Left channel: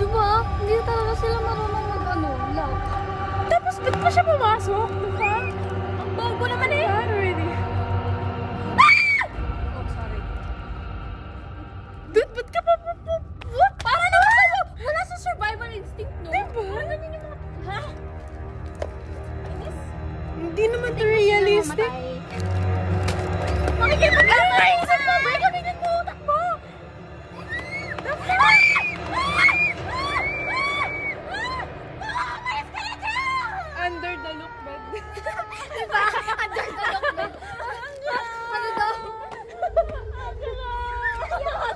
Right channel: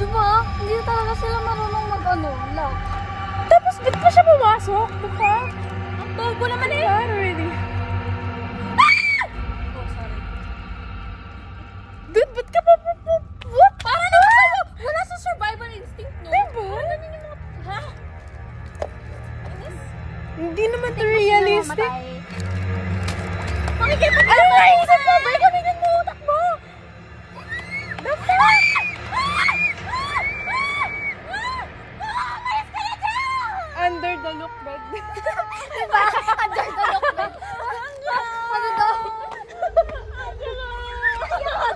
Diba? Hindi talaga sila marunong mag-ano, lock. Tapos ba't pa siya pumasok? Mukha? Ang bobo naman eh. Oh, sorry. Dude, ba't ka pa? What? Para naman sa'yo! Wala sa survival instinct, no? Diba? Parang ganyan yung mga... Ha? Inis? Hindi naman ito realistic. Makikipag-alay! Sabay kami din mo! Takbo! Under the look bed. Diba? Under the look bed. Ano daw?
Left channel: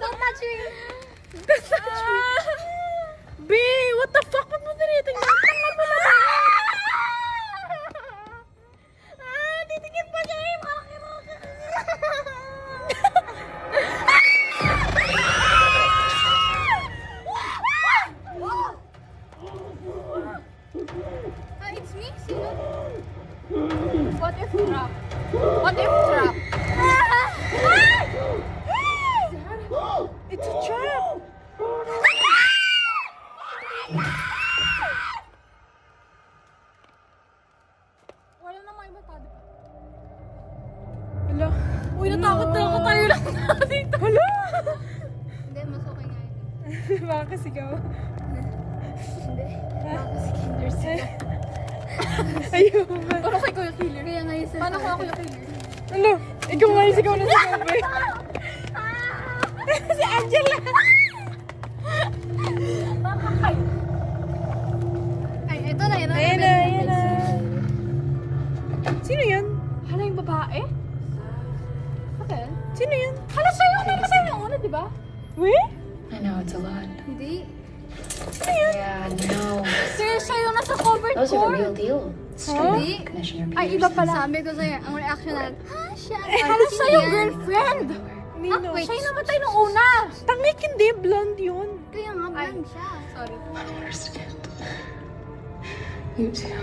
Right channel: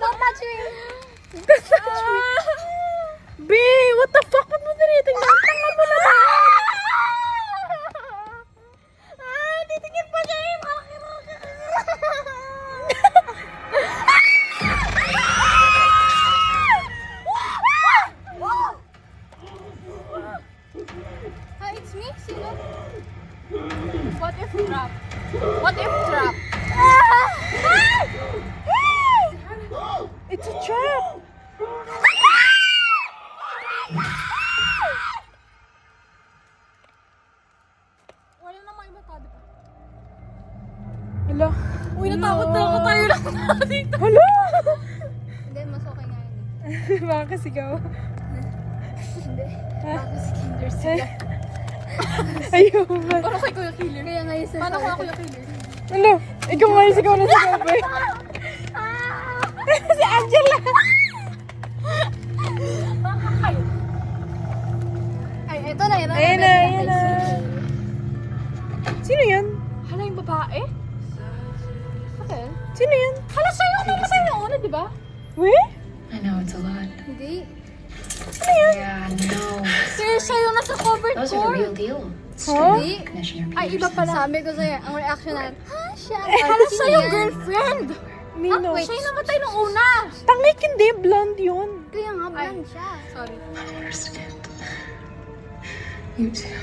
Don't touch me! B, what the fuck? Ba't mo tinitingnan? Tanga mo na. Titingin pa niya eh! It's me, sino? What if trap? What if trap? It's a trap. Wala namang iba tao, diba? Hala. Uy, natakot na ako tayo lang dito. Hala. Hindi, mas okay nga yun. Baka sigaw. Hindi. Baka si killer sila. Ayun. Parang kay Kuya Killer. Kaya ngayon sila. Paano ko ako yung killer? Hala. Ikaw nga yung sigaw na sigaw. Si Angela. Ay, ito na. Ayun na. Sino yan? Hala yung babae? Okay. Sino yan? Hala sa'yo namatay yung una, di ba? Weh? I know it's a lot. Hindi. Yeah, no. Sir, sa'yo na sa covered Those are the real court. deal. Hindi. Commissioner Ay, iba Peterson. pala. Sabi ko sa'yo, ang reaction na, ha, siya. Eh, hala sino sa'yo, yan? girlfriend. Nino. Wait, siya yung namatay nung una. Tangik hindi, blonde yun. Kaya nga, blonde siya. Sorry. Understand. You too.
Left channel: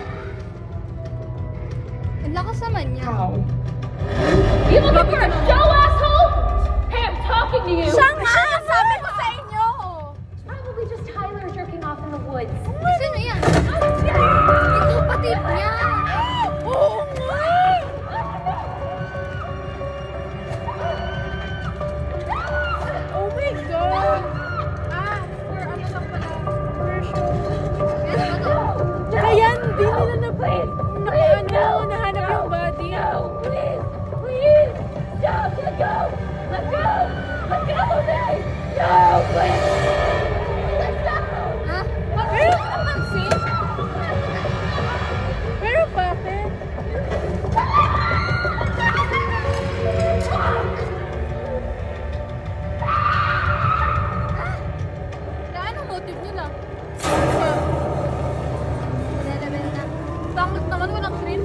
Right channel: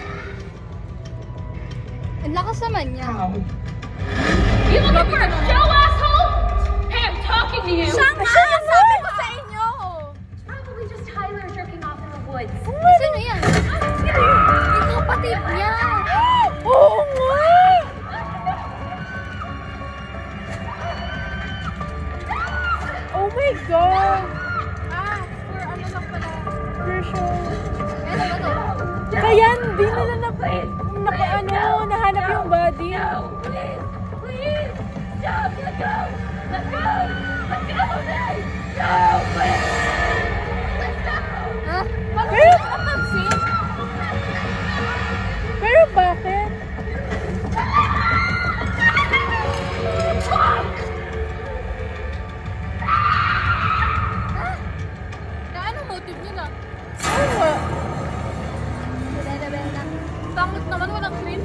Ang lakas naman niya. You looking for a show, asshole? Hey, I'm talking to you. Sabi ko sa inyo. It's probably just Tyler jerking off in the woods. Sino yan? Yung kapatid niya. Oo nga. Oh my God. For ano lang pala. Commercial. Ano ba to? Kaya hindi nila nahanap yung body. Please, please. Stop. Let go. Let go. Let go of me. No, please. Let go. Ha? Bakit Wait. hindi napansin? Pero bakit? Anong motive nila? Oo. Wala na. Tangit naman, walang thrill.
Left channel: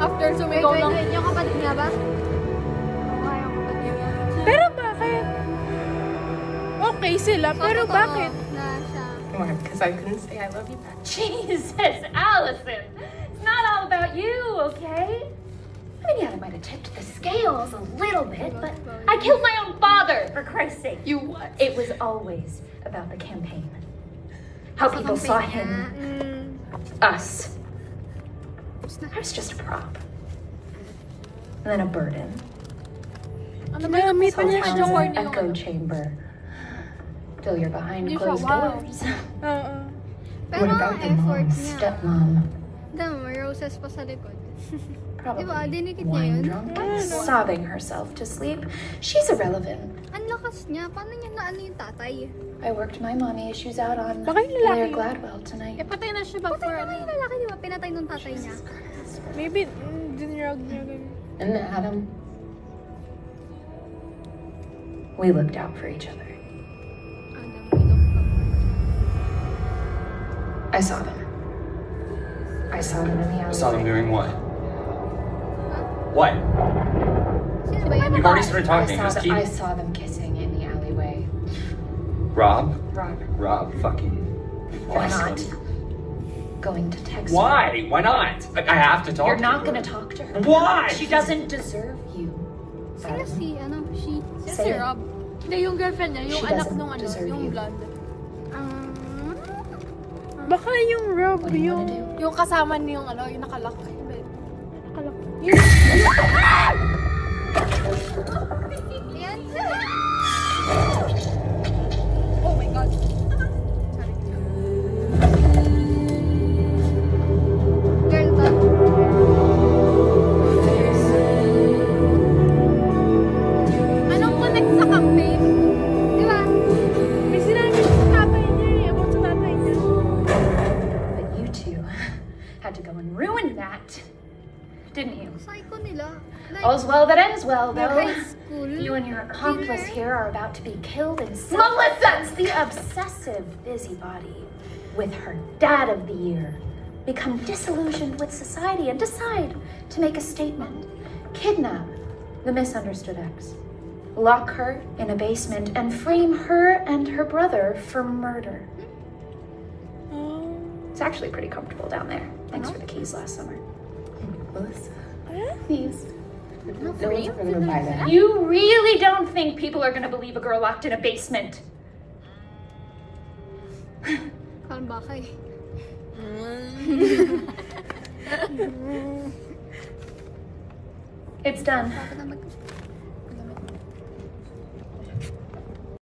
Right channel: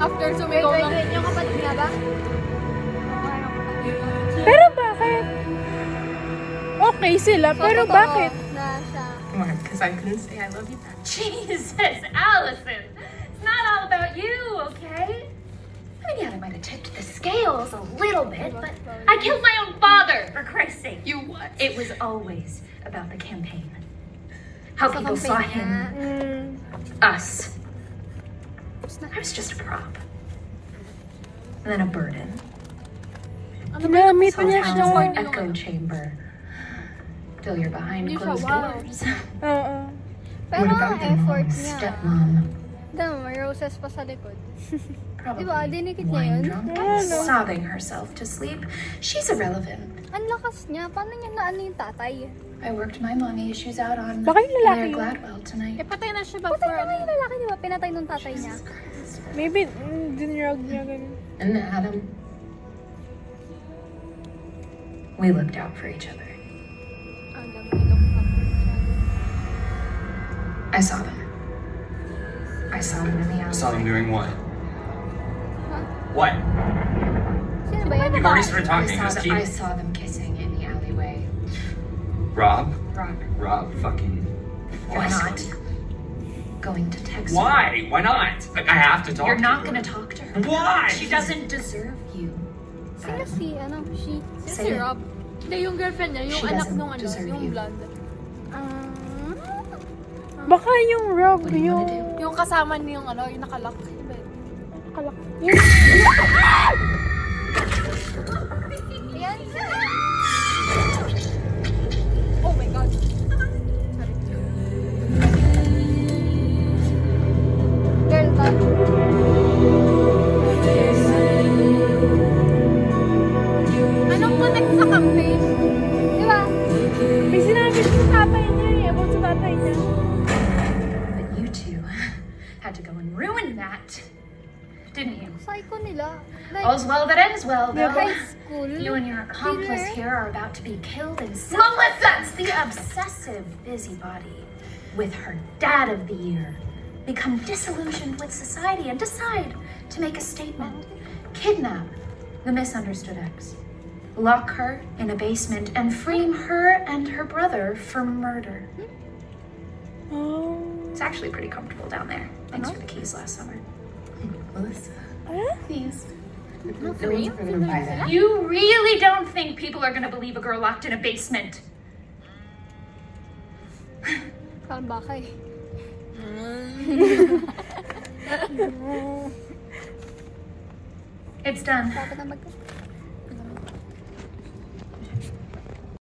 After sumigaw lang. Wait, yung kapatid niya ba? Oo nga, yung kapatid niya. Pero bakit? Okay sila, So, pero totoo bakit? na siya. Because I couldn't say I love you back. Jesus, Allison. It's not all about you, okay? I mean, yeah, I might have tipped the scales a little bit, but I killed my own father, for Christ's sake. You what? It was always about the campaign. How Sa people saw campaign niya. him, us. I was just a prop. And then a burden. Ano ba yung Ginamit medyo niya siya. corny yung Echo ano? chamber. Till you're behind Hindi siya, closed wow. doors. Oo. Pero What ang about the effort mom, niya. stepmom? Dama, may roses pa sa likod. Probably Diba, dinikit niya yun? wine drunk, sobbing herself to sleep. She's irrelevant. Ang lakas niya. Paano niya naano yung tatay? I worked my money. She's out on Baka yung lalaki Blair yun. Gladwell tonight. patay na siya ba? Patay naman yung lalaki, di ba? Pinatay nung tatay niya. Maybe, dinrog niya ganun. And Adam, we looked out for each other. Adam, we looked up for each other. I saw them. I saw them in the alley. Saw them doing what? Huh? What? Sino ba yan? We've already Babae? started I talking. saw, Just them, I keep. saw them kissing in the alleyway. Rob? Rob, Fucking. you're not going to text her. Why? Why not? I have to talk. You're to not her. going to talk to her. Why? She doesn't deserve you. Sino si, ano, she? Sino si Say it. Rob? Hindi, yung girlfriend niya, yung She anak doesn't nung ano, deserve yung you. blood. Baka yung Rob, What are you yung... gonna do? Yung kasama niya yung ano, yung nakalak. Hindi. Nakalak. Ayan. Oh my God. Sorry. Girl talk. Anong connect sa campaign? Di ba? Eh, sinabi ko sa tatay niya eh. Ewan sa tatay niya. But you two had to go and ruin that, didn't you? Psycho nila. Like, All's well that ends well, though. high school. You and your accomplice Killer. here are about to be killed in Melissa's the obsessive busybody with her dad of the year. Become disillusioned with society and decide to make a statement. Kidnap the misunderstood ex. Lock her in a basement and frame her and her brother for murder. It's actually pretty comfortable down there. Thanks for the keys last summer. Melissa, Please. no one's gonna buy that. You really don't think people are gonna believe a girl locked in a basement? Parang bakay. It's done. Dapat na mag-